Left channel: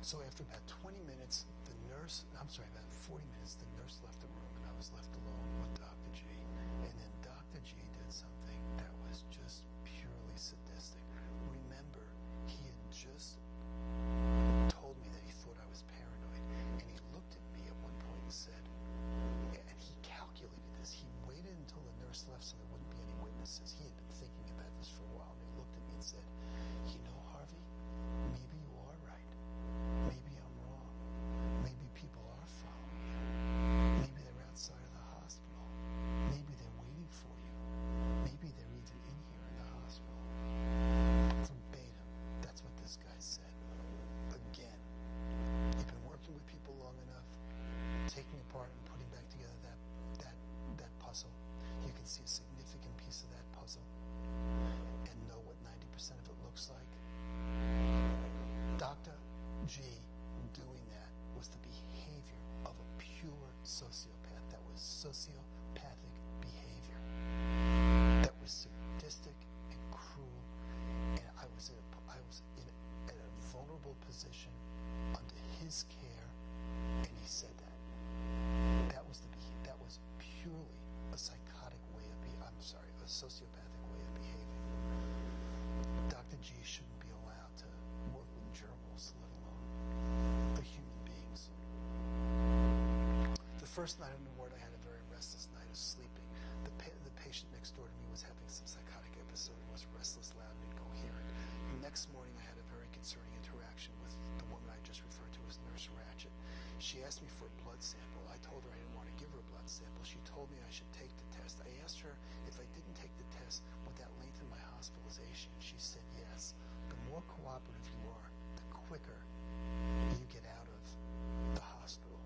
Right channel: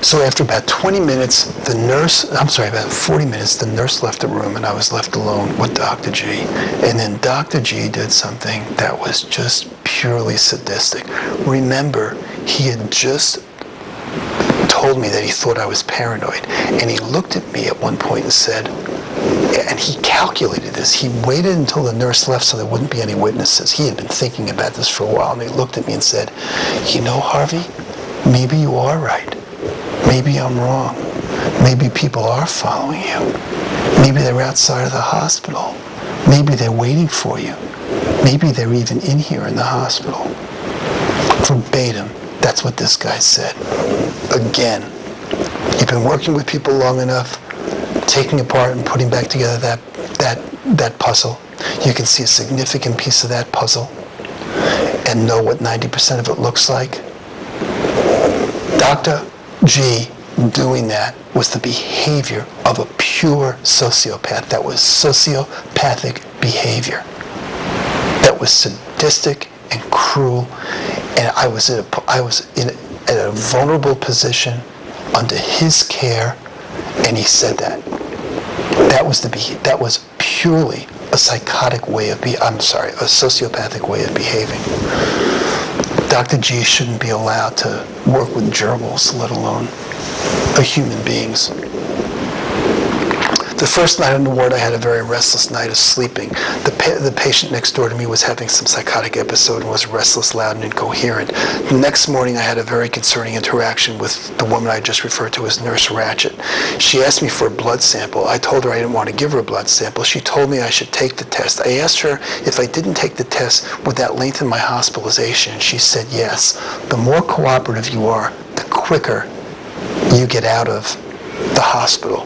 So after about 20 minutes, about 40 minutes, the nurse left the room and I was left alone with Dr. G. And then Dr. G did something that was just purely sadistic. Remember, he had just told me that he thought I was paranoid. And he looked at me at one point and said, and he calculated this. He waited until the nurse left so there wouldn't be any witnesses. He had been thinking about this for a while, and he looked at me and said, you know, Harvey, maybe you are right. Maybe I'm wrong. Maybe people are following you. Maybe they're outside of the hospital. Maybe they're waiting for you. Maybe they're even in here in the hospital. Verbatim, that's what this guy said. Again, you've been working with people long enough, taking apart and putting back together that puzzle. You can see a significant piece of that puzzle and know what 90% of it looks like. Dr. G doing that was the behavior of a pure sociopath. That was sociopathic behavior. That was sadistic and cruel, and I was in a vulnerable position under his care, and he said that. That was purely a psychotic way of a sociopathic way of behaving. Dr. G shouldn't be allowed to work with gerbils, let alone human beings. The first night on the ward, I had a very restless night of sleeping. The patient next door to me was having some psychotic episode and was restless, loud, and incoherent. The next morning, I had a very concerning interaction with the woman I just referred to as Nurse Ratchet. She asked me for a blood sample. I told her I didn't want to give her a blood sample. She told me I should take the test. I asked her if I didn't take the test, would that lengthen my hospitalization? And she said yes. The more cooperative you are, the quicker you get out of the hospital.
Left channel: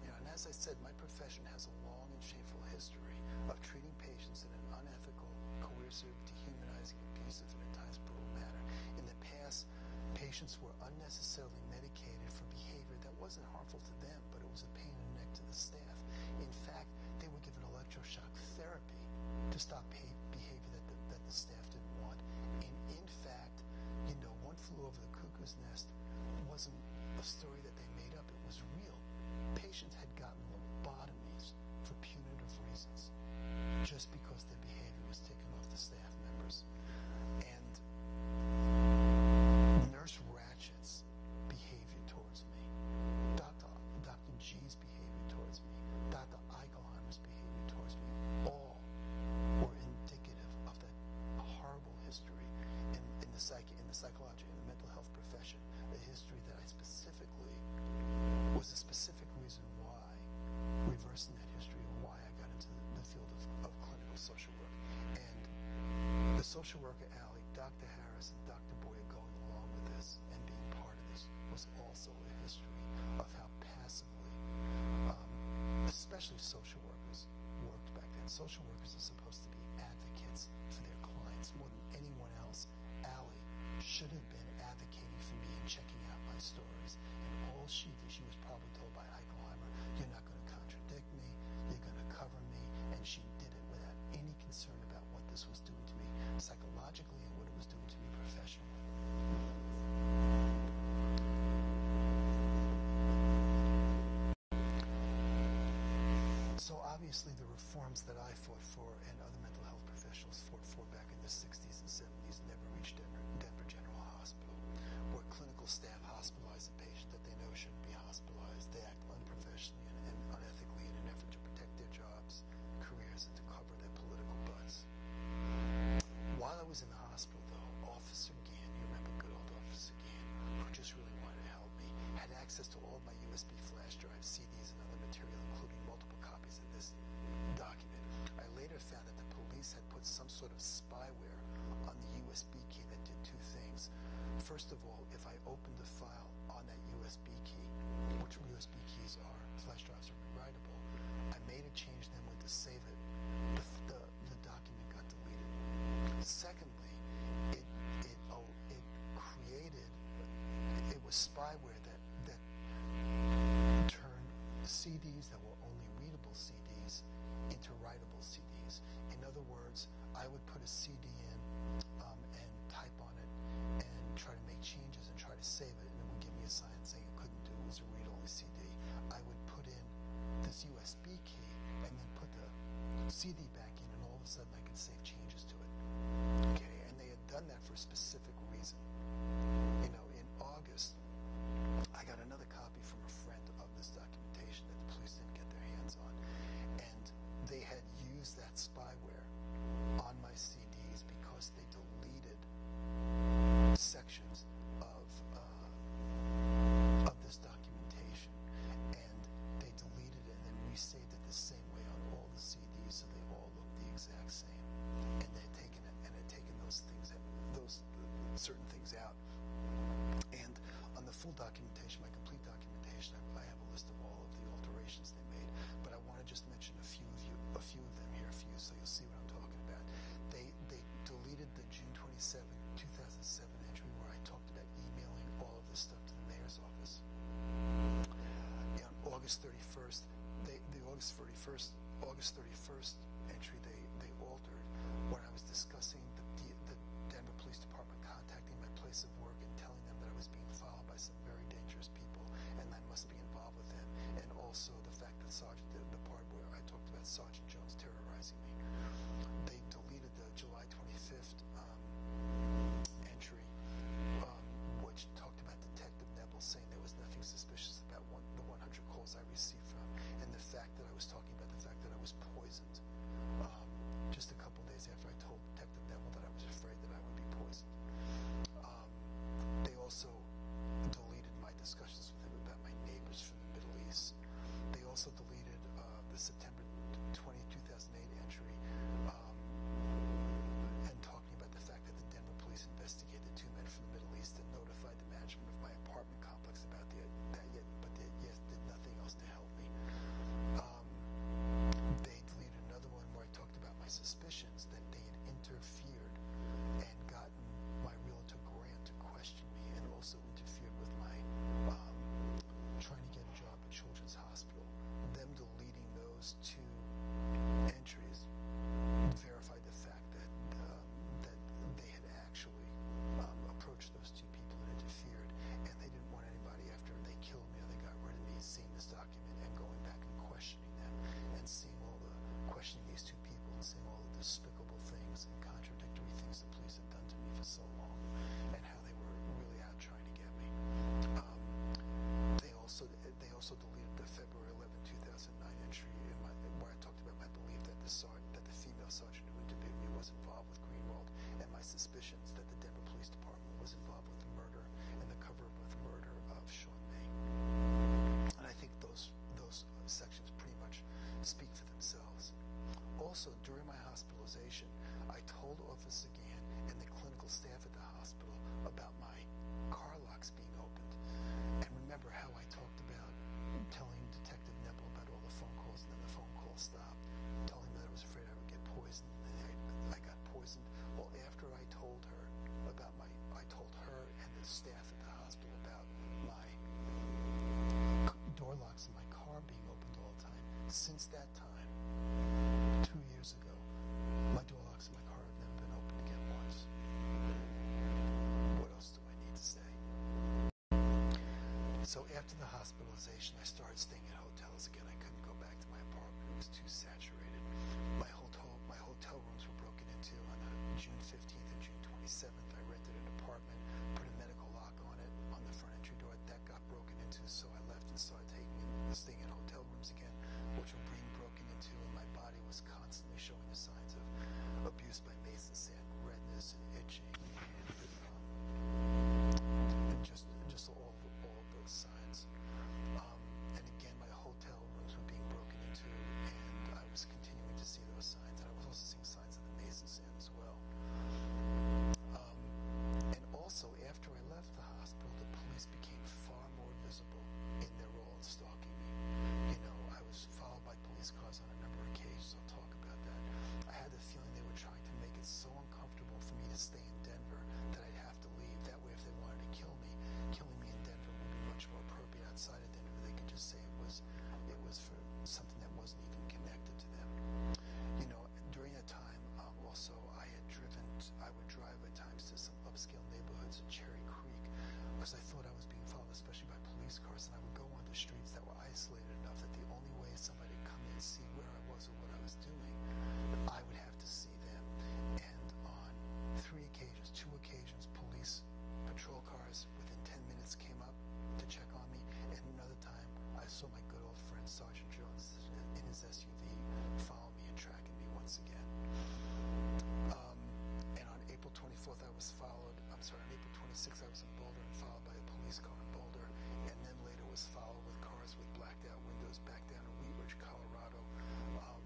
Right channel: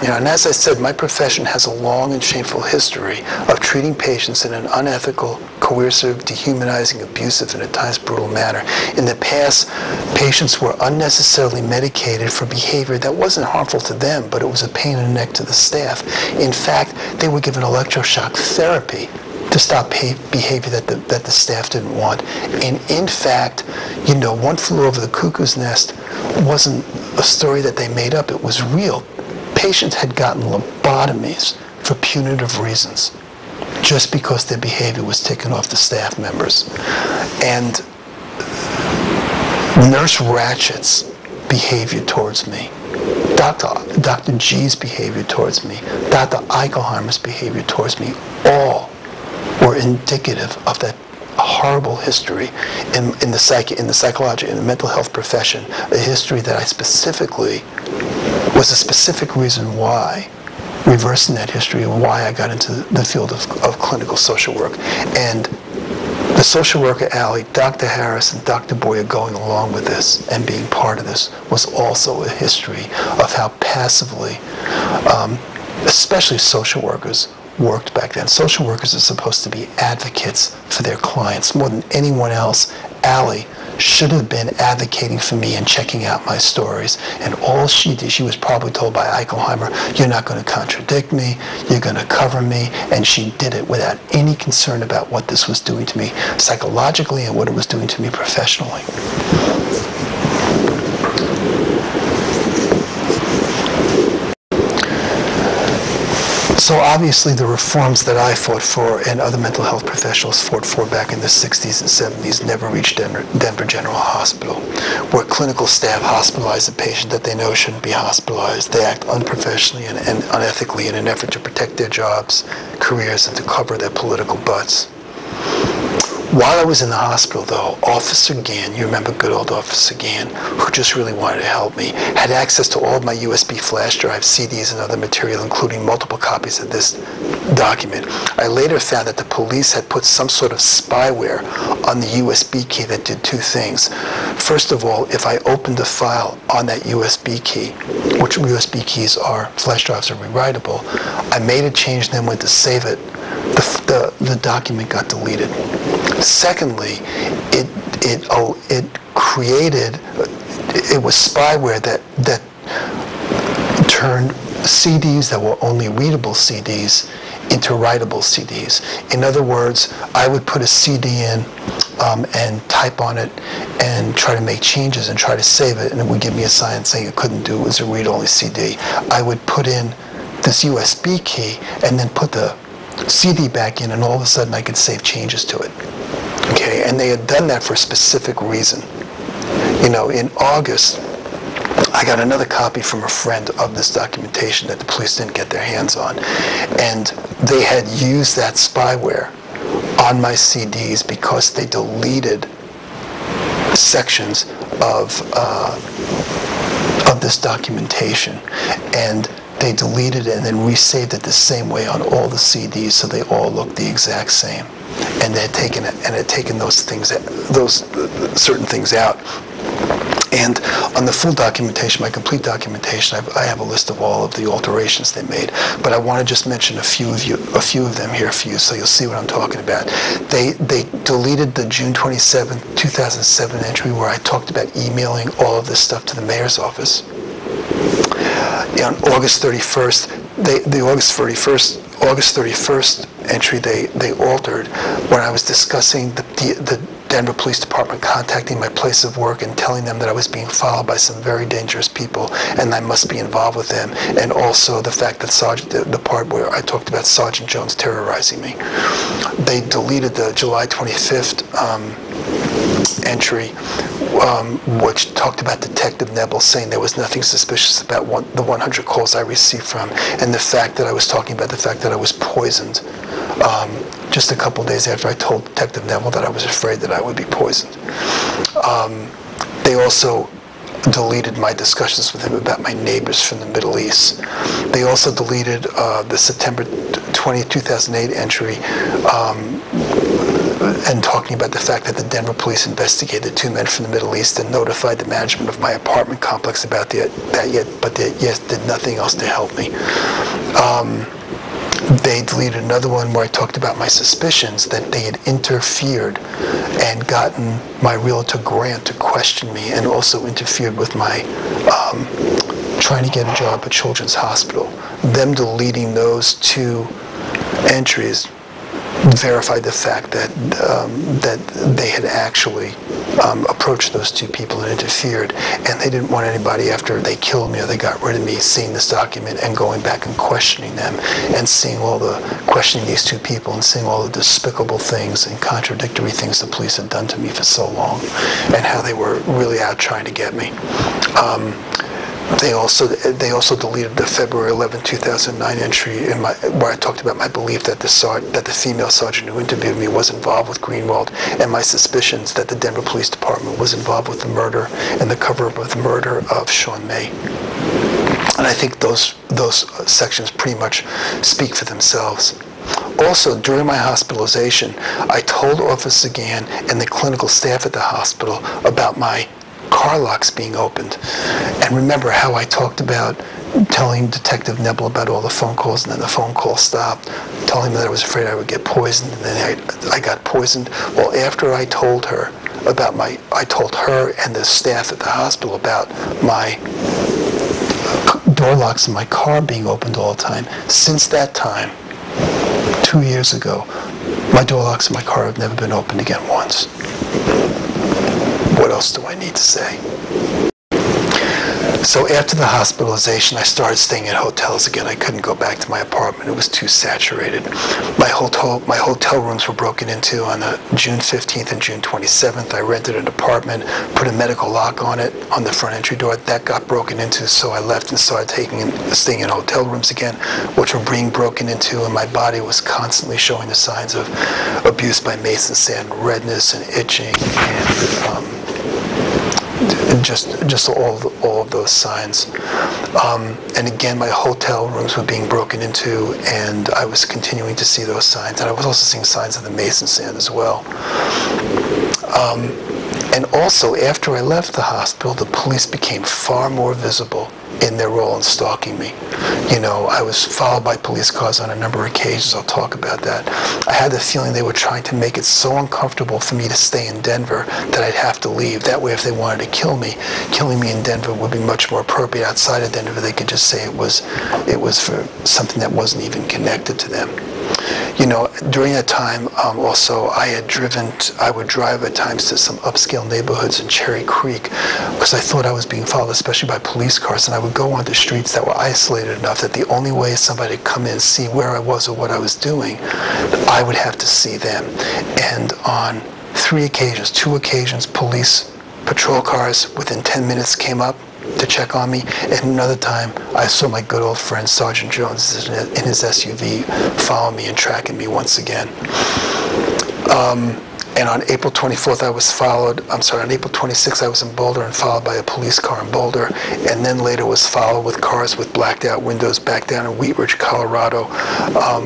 You know, and as I said, my profession has a long and shameful history of treating patients in an unethical, coercive, dehumanizing, abusive, and at times brutal manner. In the past, patients were unnecessarily medicated for behavior that wasn't harmful to them, but it was a pain in the neck to the staff. In fact, they were given electroshock therapy to stop behavior that the staff didn't want. And in fact, you know, One Flew Over the Cuckoo's Nest wasn't a story that they made up. It was real. Patients had gotten lobotomies for punitive reasons, just because their behavior was taken off the staff members. And Nurse Ratchet's behavior towards me, Dr. G's behavior towards me, Dr. Eichelheimer's behavior towards me, all were indicative of that horrible history in the mental health profession, a history that was a specific reason why, reversing that history, why I got into the field of clinical social work. And the social worker alley, Dr. Harris and Dr. Boyer going along with this and being part of this was also a history of how passively, especially social workers, worked back then. Social workers are supposed to be advocates for their clients. More than anyone else, Allie should have been advocating for me and checking out my stories. And all she did, she was probably told by Eichelheimer, you're not going to contradict me, you're going to cover me. And she did it without any concern about what this was doing to me psychologically and what it was doing to me professionally. So obviously the reforms that I fought for and other mental health professionals fought for back in the 60s and 70s never reached Denver General Hospital, where clinical staff hospitalize a patient that they know shouldn't be hospitalized. They act unprofessionally and unethically in an effort to protect their jobs, careers, and to cover their political butts. While I was in the hospital, though, Officer Gann, you remember good old Officer Gann, who just really wanted to help me, had access to all of my USB flash drives, CDs, and other material, including multiple copies of this document. I later found that the police had put some sort of spyware on the USB key that did two things. First of all, if I opened a file on that USB key, which USB keys are, flash drives are rewritable, I made a change and then went to save it, the document got deleted. Secondly, it was spyware that turned CDs that were only readable CDs into writable CDs. In other words, I would put a CD in and type on it and try to make changes and try to save it, and it would give me a sign saying it couldn't do it, was a read-only CD. I would put in this USB key and then put the CD back in, and all of a sudden I could save changes to it. Okay, and they had done that for a specific reason. You know, in August, I got another copy from a friend of this documentation that the police didn't get their hands on, and they had used that spyware on my CDs because they deleted sections of this documentation, and they deleted it and then resaved it the same way on all the CDs, so they all looked the exact same. And they had taken it and had taken those things, those certain things out. And on the full documentation, my complete documentation, I have a list of all of the alterations they made. But I want to just mention a few of them here for you, so you'll see what I'm talking about. They deleted the June 27, 2007 entry where I talked about emailing all of this stuff to the mayor's office. On August 31st, the August 31st entry they altered when I was discussing the Denver Police Department contacting my place of work and telling them that I was being followed by some very dangerous people and I must be involved with them, and also the fact that the part where I talked about Sergeant Jones terrorizing me. They deleted the July 25th entry, which talked about Detective Nebel saying there was nothing suspicious about the 100 calls I received from, and the fact that I was talking about the fact that I was poisoned just a couple days after I told Detective Nebel that I was afraid that I would be poisoned. They also deleted my discussions with him about my neighbors from the Middle East. They also deleted the September 20, 2008 entry and talking about the fact that the Denver police investigated 2 men from the Middle East and notified the management of my apartment complex about that, but they did nothing else to help me. They deleted another one where I talked about my suspicions that they had interfered and gotten my realtor Grant to question me, and also interfered with my trying to get a job at Children's Hospital. Them deleting those 2 entries verified the fact that they had actually approached those 2 people and interfered, and they didn't want anybody, after they killed me or they got rid of me, seeing this document and going back and questioning them and questioning these 2 people and seeing all the despicable things and contradictory things the police had done to me for so long, and how they were really out trying to get me. They also deleted the February 11, 2009 entry where I talked about my belief that the female sergeant who interviewed me was involved with Greenwald, and my suspicions that the Denver Police Department was involved with the murder and the cover-up of the murder of Sean May. And I think those sections pretty much speak for themselves. Also, during my hospitalization, I told Officer Gann and the clinical staff at the hospital about my car locks being opened. And remember how I talked about telling Detective Nebel about all the phone calls, and then the phone call stopped, telling him that I was afraid I would get poisoned, and then I got poisoned. Well, after I told her and the staff at the hospital about my door locks in my car being opened all the time, since that time, 2 years ago, my door locks in my car have never been opened again once. What else do I need to say? So after the hospitalization, I started staying at hotels again. I couldn't go back to my apartment. It was too saturated. My hotel rooms were broken into on June 15th and June 27th. I rented an apartment, put a medical lock on it, on the front entry door. That got broken into, so I left and started staying in hotel rooms again, which were being broken into, and my body was constantly showing the signs of abuse by mason sand, redness and itching, and just all of those signs. And again, my hotel rooms were being broken into, and I was continuing to see those signs. And I was also seeing signs of the mason sand as well. And also, after I left the hospital, the police became far more visible in their role in stalking me. You know, I was followed by police cars on a number of occasions. I'll talk about that. I had the feeling they were trying to make it so uncomfortable for me to stay in Denver that I'd have to leave. That way, if they wanted to kill me, killing me in Denver would be much more appropriate. Outside of Denver, they could just say it was for something that wasn't even connected to them. During that time, also, I would drive at times to some upscale neighborhoods in Cherry Creek because I thought I was being followed, especially by police cars, and I would go onto streets that were isolated enough that the only way somebody could come in and see where I was or what I was doing, I would have to see them. And on two occasions, police patrol cars within 10 minutes came up to check on me, and another time I saw my good old friend Sergeant Jones in his SUV following me and tracking me once again. And on April 24th, on April 26th, I was in Boulder and followed by a police car in Boulder, and then later was followed with cars with blacked out windows back down in Wheat Ridge, Colorado,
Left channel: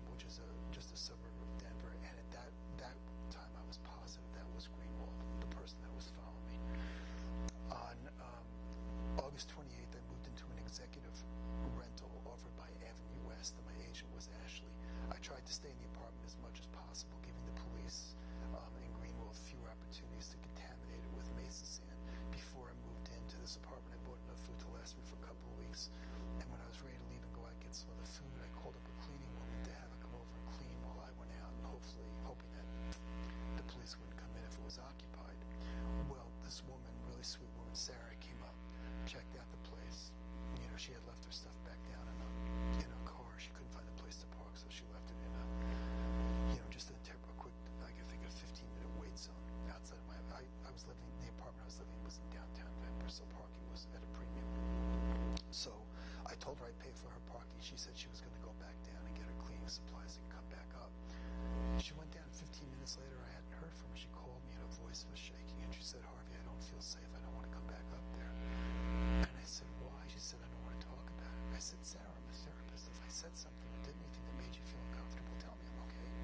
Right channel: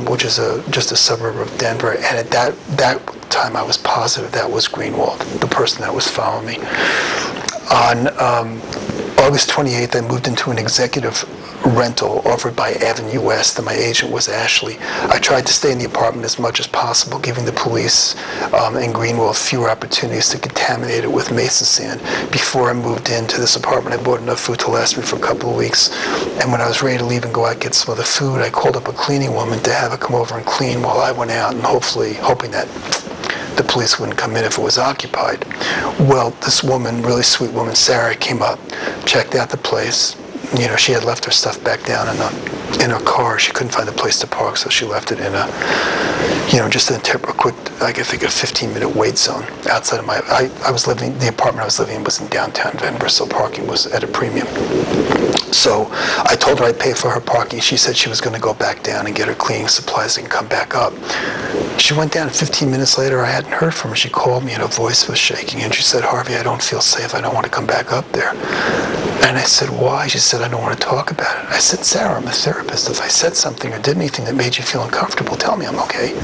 which is just a suburb of Denver. And at that time, I was positive that was Greenwald, the person that was following me. On August 28th, I moved into an executive rental offered by Avenue West, and my agent was Ashley. I tried to stay in the apartment as much as possible, giving the police in Greenwald fewer opportunities to contaminate it with mason sand. Before I moved into this apartment, I bought enough food to last me for a couple of weeks, and when I was ready to leave and go out and get some other food, I called up a cleaning woman to have her come over and clean while I went out, and hoping that the police wouldn't come in if it was occupied. Well, this woman, really sweet woman, Sarah, came up, checked out the place. She had left her stuff back down in her car. She couldn't find a place to park, so she left it in just a quick, I think a 15-minute wait zone outside of the apartment I was living in was in downtown Denver, so parking was at a premium. So I told her I'd pay for her parking. She said she was going to go back down and get her cleaning supplies and come back up. She went down, 15 minutes later, I hadn't heard from her. She called me and her voice was shaking, and she said, "Harvey, I don't feel safe. I don't want to come back up there." And I said, "Why?" She said, "I don't want to talk about it." I said, "Sarah, I'm a therapist. If I said something or did anything that made you feel uncomfortable, tell me. I'm okay.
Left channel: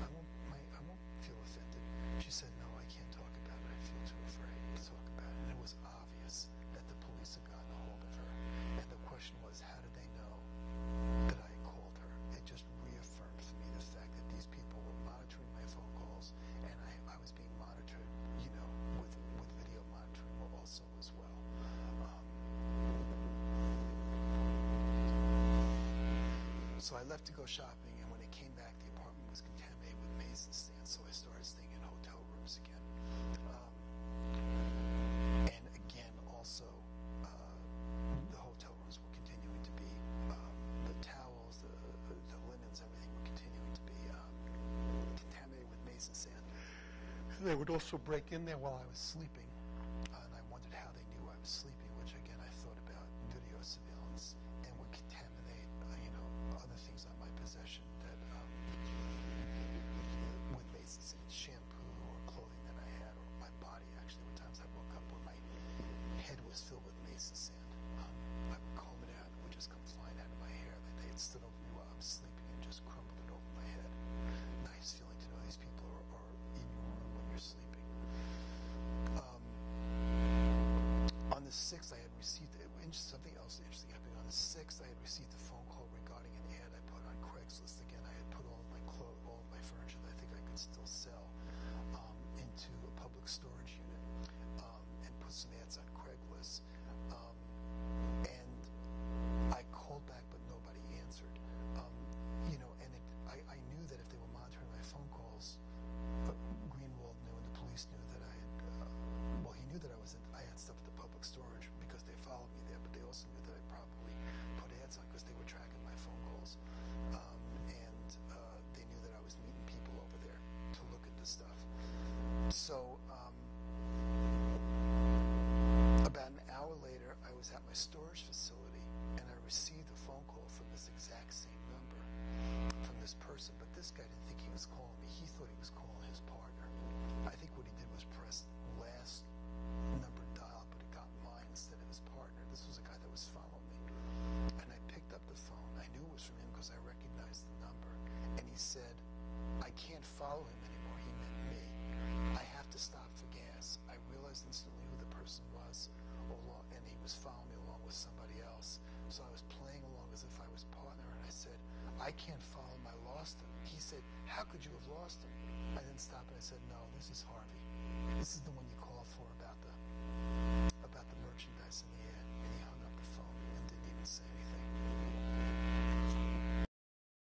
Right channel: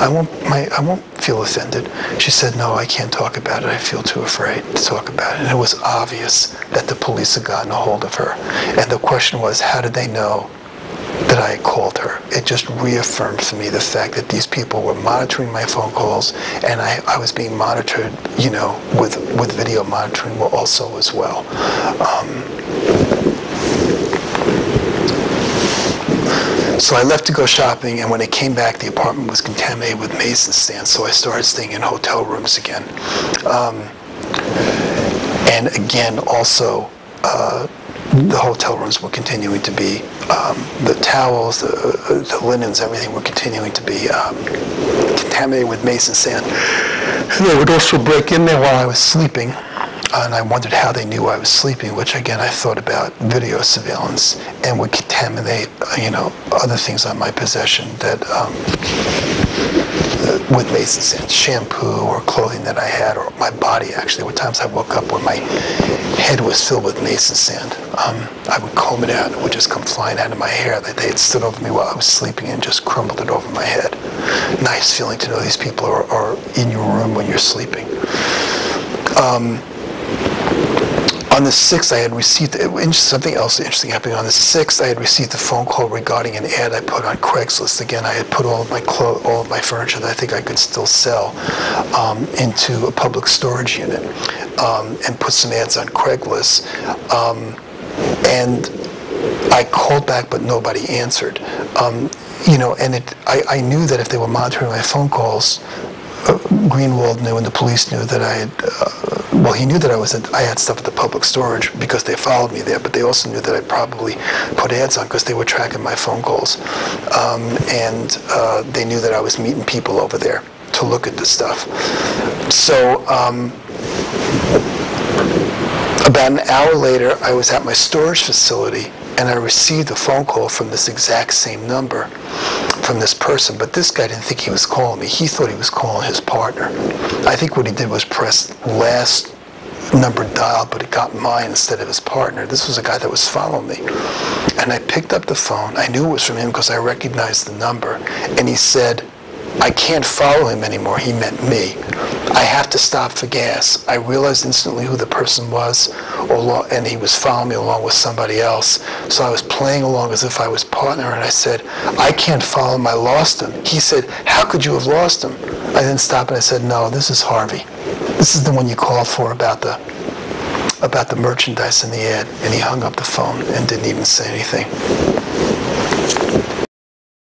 I won't feel offended." She said, "No, I can't talk about it. I feel too afraid to talk about it." And it was obvious that the police had gotten a hold of her. And the question was, how did they know that I had called her? It just reaffirmed for me the fact that these people were monitoring my phone calls, and I was being monitored, with video monitoring also as well. So I left to go shopping, and when I came back, the apartment was contaminated with mason sand, so I started staying in hotel rooms again. And again, also, the hotel rooms were continuing to be, the towels, the linens, everything were continuing to be contaminated with mason sand. And they would also break in there while I was sleeping, and I wondered how they knew I was sleeping, which again, I thought about video surveillance, and would contaminate, other things on my possession that, with mason sand, shampoo or clothing that I had, or my body actually. There were times I woke up where my head was filled with mason sand. I would comb it out, and it would just come flying out of my hair. They had stood over me while I was sleeping and just crumbled it over my head. Nice feeling to know these people are in your room when you're sleeping. On the 6th, I had received, something else interesting happening. On the 6th, I had received a phone call regarding an ad I put on Craigslist. Again, I had put all of my furniture that I think I could still sell into a public storage unit, and put some ads on Craigslist. And I called back, but nobody answered. And I knew that if they were monitoring my phone calls, Greenwald knew and the police knew that he knew that I had stuff at the public storage because they followed me there, but they also knew that I probably put ads on because they were tracking my phone calls. And they knew that I was meeting people over there to look at the stuff. So about an hour later, I was at my storage facility, and I received a phone call from this exact same number from this person, but this guy didn't think he was calling me. He thought he was calling his partner. I think what he did was press last number dialed, but it got mine instead of his partner. This was a guy that was following me. And I picked up the phone. I knew it was from him because I recognized the number. And he said, "I can't follow him anymore." He meant me. "I have to stop for gas." I realized instantly who the person was, and he was following me along with somebody else. So I was playing along as if I was partner, and I said, "I can't follow him. I lost him." He said, "How could you have lost him?" I then stopped and I said, "No, this is Harvey. This is the one you called for about the merchandise in the ad." And he hung up the phone and didn't even say anything.